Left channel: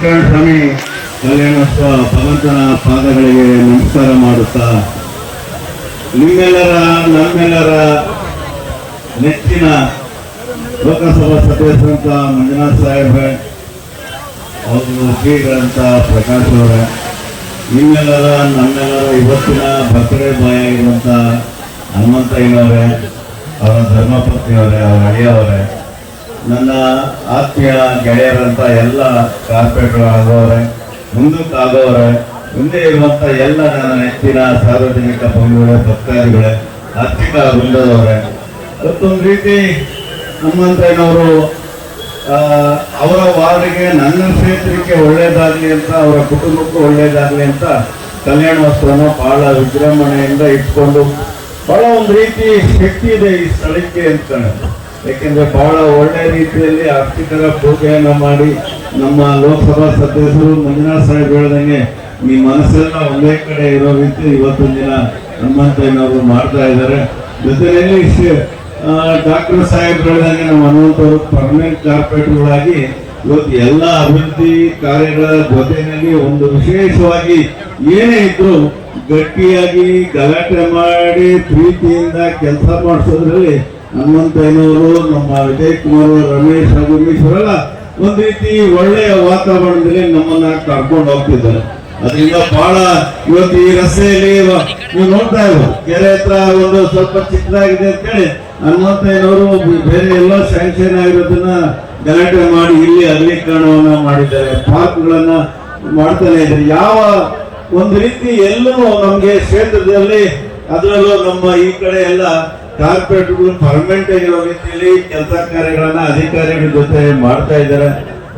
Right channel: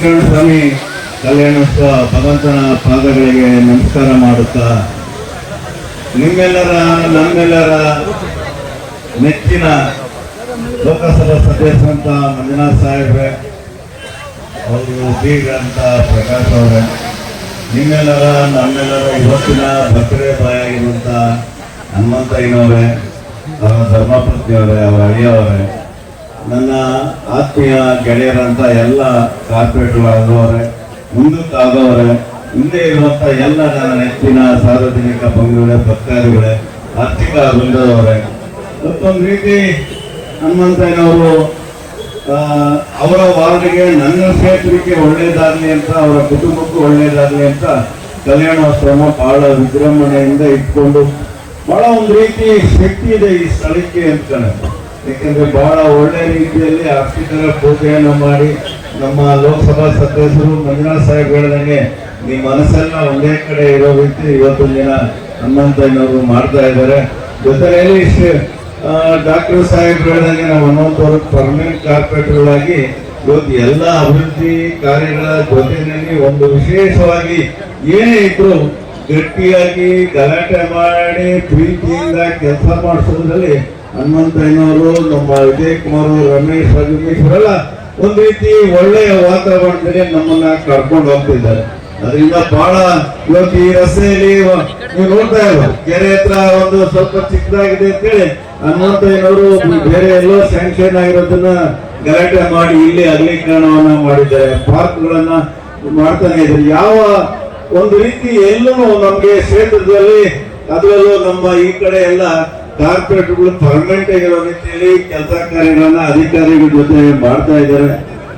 ಸ್ವಾಮಿ ಕಲ್ಯಾಣೋತ್ಸವ ಭಗವಂತನ ಪಾದಗಳಿಗೆ ನಮಸ್ಕಾರ ಮಾಡುತ್ತಾ ನಿಮ್ಮೆಲ್ಲರ ನಮ್ಮೆಲ್ಲರ ನೆಚ್ಚಿನ ಲೋಕಸಭಾ ಸದಸ್ಯರಂತ ಮಂಜುನಾಥ್ ಸಾಹೇಬ್ರೆ, ಅವರು ಶ್ರೀಗ್ರಂಥ ಪ್ರಕಾಶ್ ಅವರೇ, ನಿಮ್ಮೆಲ್ಲರ ನಮ್ಮೆಲ್ಲರ ಇವತ್ತಿನ ಬರ್ತ್ಡೇ ಬಾಯ್ ಆಗಿರುವಂಥ ಹನುಮಂತಯ್ಯನವರೇ, ಅವರ ಧರ್ಮಪತ್ನಿಯವರೇ, ಅವರ ಅಳಿಯವರೇ, ನನ್ನ ಆತ್ಮೀಯ ಗೆಳೆಯರಂತ ಎಲ್ಲ ಕಾರ್ಪೊರೇಟ್ಗಳಾದವರೇ, ಮುಂದಕ್ಕಾದವರೇ, ಮುಂದೆ ಇರುವಂತ ಎಲ್ಲ ನನ್ನ ನೆಚ್ಚಿನ ಸಾರ್ವಜನಿಕ ಬಂಧುಗಳೇ, ಭಕ್ತಾದಿಗಳೇ, ಆರ್ಥಿಕ ವೃಂದದವರೇ, ಮತ್ತೊಂದು ರೀತಿ ಹನುಮಂತಯ್ಯನವರು ಅವರ ವಾರ್ಡ್ಗೆ ನನ್ನ ಕ್ಷೇತ್ರಕ್ಕೆ ಒಳ್ಳೇದಾಗ್ಲಿ ಅಂತ, ಅವರ ಕುಟುಂಬಕ್ಕೂ ಒಳ್ಳೇದಾಗ್ಲಿ ಅಂತ ಕಲ್ಯಾಣೋತ್ಸವ ಬಹಳ ವಿಜೃಂಭಣೆಯಿಂದ ಇಟ್ಕೊಂಡು ಬಹಳ ಒಂದು ರೀತಿ ಶಕ್ತಿ ಇದೆ ಈ ಸ್ಥಳಕ್ಕೆ ಅಂತ. ಯಾಕೆಂದ್ರೆ ಬಹಳ ಒಳ್ಳೆ ರೀತಿಯಲ್ಲಿ ಅರ್ಚಕರ ಪೂಜೆಯನ್ನು ಮಾಡಿ ನಮ್ಮ ಲೋಕಸಭಾ ಸದಸ್ಯರು ಮಂಜುನಾಥ್ ಸಾಹೇಬ್ ಹೇಳ್ದಂಗೆ ನಿಮ್ಮ ಮನಸ್ಸೆಲ್ಲ ಒಂದೇ ಕಡೆ ಇರೋ ರೀತಿ ಇವತ್ತಿನ ದಿನ ಹನುಮಂತಯ್ಯನವರು ಮಾಡ್ತಾ ಇದ್ದಾರೆ. ಜೊತೆಯಲ್ಲಿ ಡಾಕ್ಟರ್ ಸಾಹೇಬ್ ಹೇಳ್ದಂಗೆ ನಾವು ಹನುಮಂತವರು ಪರ್ಮನೆಂಟ್ ಕಾರ್ಪೊರೇಟರ್ಗಳಾಗಿ ಇವತ್ತು ಎಲ್ಲ ಅಭಿವೃದ್ಧಿ ಕಾರ್ಯಗಳ ಜೊತೆಯಲ್ಲಿ ಒಂದು ವಿಶೇಷವಾಗಿ ಏನೇ ಇದ್ರು ಗಟ್ಟಿಯಾಗಿ ಗಲಾಟೆ ಮಾಡಿ ಪ್ರೀತಿಯಿಂದ ಕೆಲಸ ಮಾಡಿಸೋದ್ರಲ್ಲಿ ಹನುಮಂತಯ್ಯನವರು, ನಮ್ಮ ವಿಜಯ್ ಕುಮಾರ್, ರಮೇಶ್, ರಘುಮೇಶ್ವರೆಲ್ಲ ಒಂದ್ ರೀತಿ ಒಳ್ಳೆಯ ವಾತಾವರಣದಲ್ಲಿ ನಮ್ಮನ್ನ ಕರ್ಕೊಂಡು ಹೋಗ್ತಿದ್ದಾರೆ. ಅದರಿಂದ ಬಹಳ ಇವತ್ತು ಈ ರಸ್ತೆಯಲ್ಲಿ ನೀವು ನೋಡ್ತಾ ಇರ್ಬೋದು, ಕೆರೆ ಹತ್ರ ಒಂದು ಸ್ವಲ್ಪ ಚಿಕ್ಕದಾಗಿದೆ ಅಂತ ಹೇಳಿ ಹನುಮಂತಯ್ಯನವರು ಬೇರೆ ಎಲ್ಲೋ ಸ್ಯಾಂಕ್ಷನ್ ಆಗಿರೋದನ್ನ ಗಲಾಟೆ ಮಾಡಿ ಇಲ್ಲಿ ಅಗಲೀಕರಣವನ್ನ ಮಾಡಿದ್ದಾರೆ, ಪಾರ್ಕ್ಗಳನ್ನ ಮಾಡ್ತಾನೆ ಇದ್ದಾರೆ. ಯಾವ ಒಂದು ರೀತಿ ಎಲ್ಲೂ ನಮ್ಗೆ ಕ್ಷೇತ್ರದಲ್ಲಿ ಅದರಲ್ಲೂ ನಮ್ಮ ಈ ಕಡೆ ಎಲ್ಲ ಕಾರ್ಪೊರೇಟ್ಗಳು ಪರ್ಮನೆಂಟ್ ಆಗಿರೋ ರೀತಿಯಲ್ಲಿ ಕೆಲಸ ಕಾರ್ಯಗಳನ್ನ ಅಧಿಕಾರಿಗಳ ಜೊತೆ ಮಾಡ್ತಾ ಇದ್ದಾರೆ.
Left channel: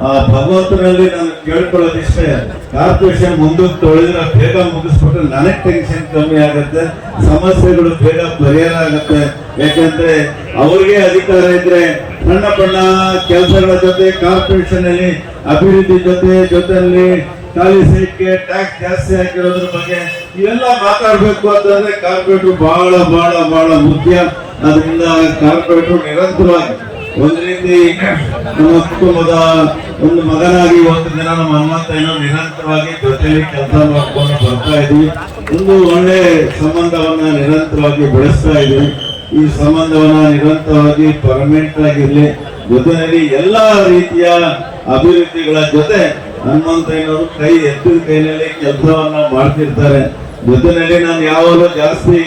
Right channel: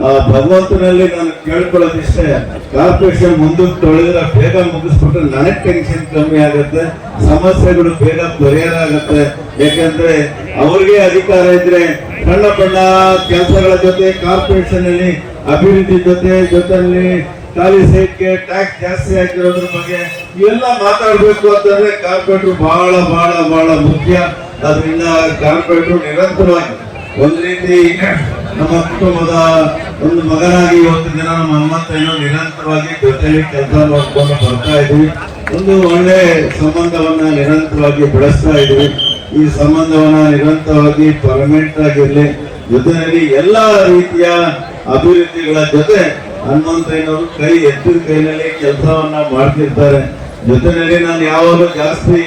ಆ ಭಗವಂತನಲ್ಲಿ ನಾನು ಕೇಳ್ಕೊಳ್ಳೋದಿಷ್ಟೇ, ಕಾರ್ಪೊರೇಷನ್ ಮುಂದಕ್ಕೆ ತೊಳೆದ್ರೆ ಬೇಗ ಮುಗಿಸ್ಬಿಟ್ರೆ ನನಗೆ ಟೆನ್ಷನ್ ಕಮ್ಮಿ ಆಗುತ್ತೆ, ಸಮಸ್ಯೆಗಳು ಬೇಗ ಪರಿಹಾರ ಆಗುತ್ತೆ. ಯಾಕಂದ್ರೆ ಅವ್ರಿಗೆ ಅಧಿಕಾರ ಇದ್ರೆ ಸಣ್ಣ ಪಣ್ಣ ಕೆಲಸಗಳ ಜೊತೆ ಕಾರ್ಪೊರೇಷನ್ ಅಲ್ಲಿ ಅಭಿವೃದ್ಧಿ ಜೊತೆಯಲ್ಲಿ ಖಾಲಿ ಸೈಟ್ಗೆ ಟ್ಯಾಕ್ಸ್ ಜಾಸ್ತಿ ಹಾಕಿರೋದ್ರ ಬಗ್ಗೆ ಇವೆಲ್ಲ ಮಾತಾಡ್ಬೇಕು ಅಂತಂದ್ರೆ ಕಾರ್ಪೊರೇಟರ್ ಬಹಳ ಬಹಳ ಬಹಳ ಮುಖ್ಯ. ಅದರಿಂದ ಕಾರ್ಪೊರೇಟರ್ ನಿರಂತರವಾಗಿ ಒಂದ್ ರೀತಿ ನಮ್ಮ ಕುಟುಂಬದ ಒಂದು ಮಗನಾಗಿ ಇವತ್ತು ದಿನ ನಮ್ಮ ಹನುಮಂತಯ್ಯನವರು ನಿರಂತರವಾಗಿ ಜೊತೆಯಲ್ಲಿ ಕೆಲಸ ಮಾಡ್ಕೊಂಡು ಬರ್ತಾ ಇದ್ವಿ. ಒಂದು ಒಳ್ಳೆ ಸಂಬಂಧವನ್ನ ನಿರಂತರವಾಗಿ ಬೆಳೆಸ್ತಾ ಇದ್ವಿ. ಈ ಸಂಬಂಧವನ್ನ ನಿರಂತರವಾಗಿ ಪರ್ಮನೆಂಟ್ ಆಗಿರ್ಲಿ, ಜೊತೆಯಲ್ಲಿ ಎಲ್ಲಾ ರೀತಿಯ ಅಭಿವೃದ್ಧಿಗಳ ಜೊತೆ ಹನುಮಂತಯ್ಯನವರು ಕೈ ಎತ್ತಿದ ಕೈನಲ್ಲಿ ಕೆಲಸವನ್ನ ಮಾಡ್ತಿರ್ತಾರೆ. ಜೊತೆಯಲ್ಲಿ ನಾನು ಯಾವಾಗಲೂ ಜಾಸ್ತಿ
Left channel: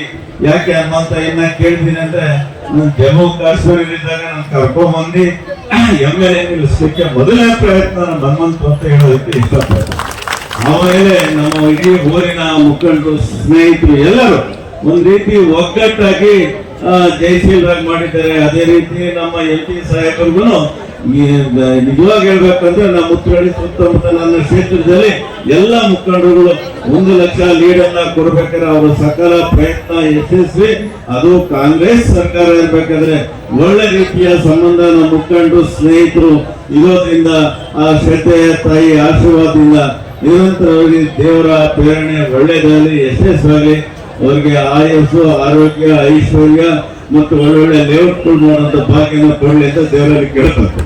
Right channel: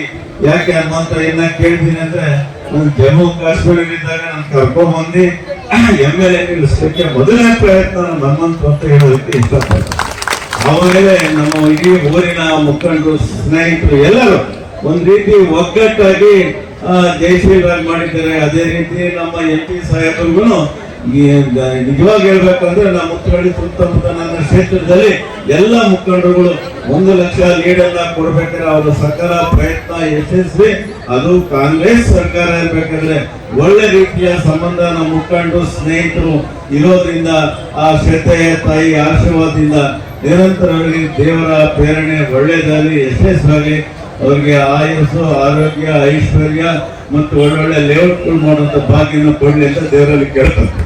ಯಾಕೆ ಹನುಮಂತಯ್ಯನ ಕೇಳ್ತೀನಿ ಅಂದ್ರೆ, ನಾನು ಜಮ್ಮು ಕಾಶ್ಮೀರದಲ್ಲಿದ್ದಾಗ ನಾನು ಕರ್ಕೊಂಡ್ ಬಂದು MLA ನಿಲ್ಲಿಸ್ಲಿಕ್ಕೆ ಮೊದಲನೇ ಪ್ರಯತ್ನ ನಮ್ಮ ಹನುಮಂತ ಅಂತ ಹೇಳೋದಕ್ಕೆ ಇಷ್ಟಪಡ್ತೀನಿ. ಆಮೇಲೆ ನಮ್ಮ ಇಡೀ ಊರಿನ ಮುಖಂಡರು, ಸ್ನೇಹಿತರು ಎಲ್ಲರೂ ಒಂದ್ ರೀತಿ ಒಗ್ಗಟ್ಟಾಗಿ ಜಯಶೀಲರಾಗಿ ಮಾಡಿದ್ದಾರೆ. ಅದೇ ರೀತಿ ನಮ್ಮ MP ಸಾಹೇಬರಿಗೂ ನಿಜವಾಗಿ ಹೇಳ್ಬೇಕಂದ್ರೆ ನಮ್ಮ ಉತ್ತರಹಳ್ಳಿ ಸುತ್ತಮುತ್ತ ನನ್ನ ಕ್ಷೇತ್ರದಲ್ಲಿ ಎಲ್ಲ ಮುಖಂಡರುಗಳು 1 ಲಕ್ಷ ಲೀಡನ್ನ ಕೊಡ್ಬೇಕಾದ್ರೆ ಅವರ ಸಕಲ ಪ್ರಯತ್ನ ಯಶಸ್ವಿ. ಅದು ಕಾಂಗ್ರೆಸ್ ಸರ್ಕಾರ ಇರ್ಬೇಕಾದ್ರೆ ಒಳ್ಳೆ ರೀತಿಯ ಸಂಬಂಧ ನಮ್ಮ ಮುಖಂಡರು ಸ್ನೇಹಿತರು ಇರೋದ್ರಿಂದ ಆ ಶ್ರದ್ಧೆಯ ತಾಯಿ ಆಶೀರ್ವಾದದಿಂದ ನಿರಂತರವಾಗಿ ದೇವರ ಪ್ರೇರಣೆ ಒಳ್ಳೇದಾಗಲಿ, ಯಶಸ್ವಾಗಲಿ, ಅವರಿಗೆ ಆಯಸ್ಸು, ಆರೋಗ್ಯ, ಐಶ್ವರ್ಯ ಮತ್ತು ಒಳ್ಳೊಳ್ಳೆ ಲೇಔಟ್ಗಳು ಮಾಡುವಂತ ಭಾಗ್ಯನ ಕೊಡಲಿ ಅಂತ ದೇವರಲ್ಲಿ ಕೇಳ್ತಾರೆ.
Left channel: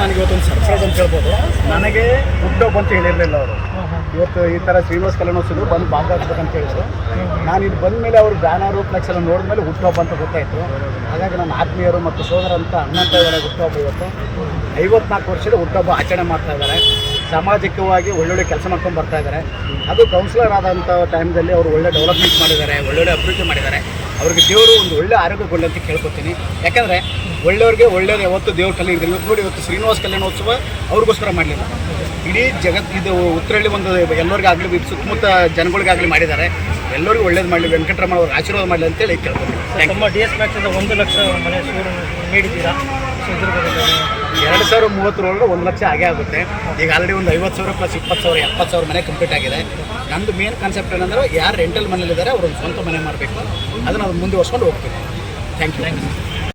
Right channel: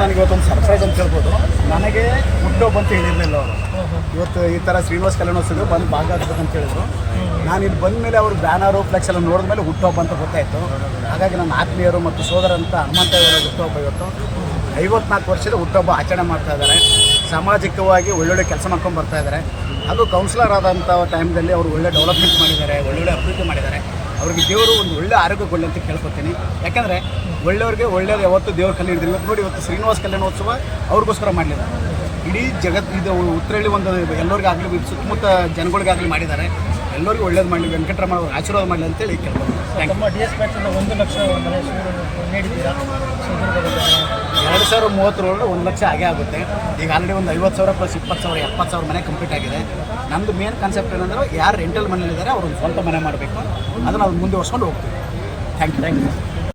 ನನಗೆ ಇವತ್ತೊಂದು ಸರ್ಪ್ರೈಸ್ ಅಂತ ಹೇಳ್ಬೋದು. ನನಗೆ ಹುಟ್ಟೋಬ್ ಅಂತ ಹೇಳಿರಲಿಲ್ಲ ಅವರು. ಇವತ್ತು ಈ ಥರ ಶ್ರೀನಿವಾಸ ಕಲ್ಯಾಣೋತ್ಸವ ಬಂದು ಭಾಗ ಆಗ್ಬೇಕಂತ ಹೇಳಿದ್ರು. ನಾನು ಇಲ್ಲಿ ಬಂದ ಮೇಲೆ ಅವರು ಬ್ಯಾನರು ಫ್ಲೆಕ್ಸ್ ಎಲ್ಲ ನೋಡಿದ ಮೇಲೆ ಹುಟ್ಟೋಬ್ ಅಂತ ಗೊತ್ತಾಯಿತು. ಹಾಗಾಗಿ ನನ್ನ ಆತ್ಮೀಯರು ಮತ್ತು ಸೋದರ ಅಂತ ಹನುಮಂತಯ್ಯರ ಹುಟ್ಟುಹಬ್ಬ ಇವತ್ತು 54 ವರ್ಷದ ಹುಟ್ಟುಹಬ್ಬ ಆಚರಣೆ ಮಾಡ್ತಾ ಇದ್ದಾರೆ. ಸಾಮಾಜಿಕವಾಗಿ ಒಳ್ಳೊಳ್ಳೆ ಕೆಲಸ ಮಾಡ್ಕೊಂಡು ಬರ್ತಾ ಇದ್ದಾರೆ. ಅದು ಕೌನ್ಸಿಲರ್ ಆದಂಥ ಟೈಮ್ದಲ್ಲಿ ಅವರು ಒಳ್ಳೆ ಡೆವಲಪ್ಮೆಂಟ್ ಮಾಡಿದ್ದಾರೆ, ಒಳ್ಳೊಳ್ಳೆ ಅಭಿವೃದ್ಧಿ ಮಾಡಿದ್ದಾರೆ. ಅವ್ರಿಗೆ ದೇವರು ಒಂದು ಒಳ್ಳೆ ಆರೋಗ್ಯ ಕೊಡಲಿ ಅಂತ ಕೇಳ್ಕೊತೀನಿ. ಯಾಕಂದರೆ ಒಳ್ಳೆಯವ್ರಿಗೆ ಒಳ್ಳೆಯದು ಯಾವತ್ತು ದೇವ್ರ ಕಲೆ ಇರ್ತಿಲ್ಲ. ಇವತ್ತು ನೋಡಿ, ಇವತ್ತು ಶ್ರೀನಿವಾಸ ಕಲ್ಯಾಣೋತ್ಸವ ಅವ್ರಿಗೋಸ್ಕರ ಮಾಡಲಿಲ್ಲ, ಇಡೀ ಇದು ಉತ್ತರಹಳ್ಳಿ ಒಂದು ಎಲ್ಲರಿಗಾಗಲಿ ಸುತ್ತಮುತ್ತ ಜನಗಳಿಗಾಗಲಿ ಮಾಡಿದ್ದಾರೆ. ಎಲ್ಲರಿಗೂ ಒಳ್ಳೇದು ಮಾಡಲಿ, ವೆಂಕಟರಮಣ ಅವ್ರಿಗೆ ಆಶೀರ್ವಾದ ಮಾಡಲಿ ಅಂತೇಳಿ ಕೇಳ್ಕೊತೀನಿ. ನಮ್ಮ DS ಮ್ಯಾಕ್ಸಿಂದ 1 ಲಕ್ಷ ಮನೆ ನೀಡಿದ್ದೀರಾ? 2030 1 ಲಕ್ಷ ಆಗೇ ಆಗುತ್ತೆ. ಈಗ ಆಲ್ರೆಡಿ ಒಂದು 50,000 ಪ್ಲಸ್ 20,000 70,000 ಮನೆ ಕಂಪ್ಲೀಟ್ ಆಗಿದೆ. ನಂದು ಮೇನ್ ಕಾನ್ಸೆಪ್ಟ್ ಏನಂದ್ರೆ, ಯಾರು ರೆಂಟಲ್ ಮನೇಲಿದ್ದಾರೆ ಅವ್ರು ಒಂದು ಸ್ವಂತ ಮನೆ ಮಾಡಬೇಕು. ಅದನ್ನು ಮುಂದುವರ್ಸ್ಕೊಂಡು ಹೋಗ್ತೀವಿ. Thank you.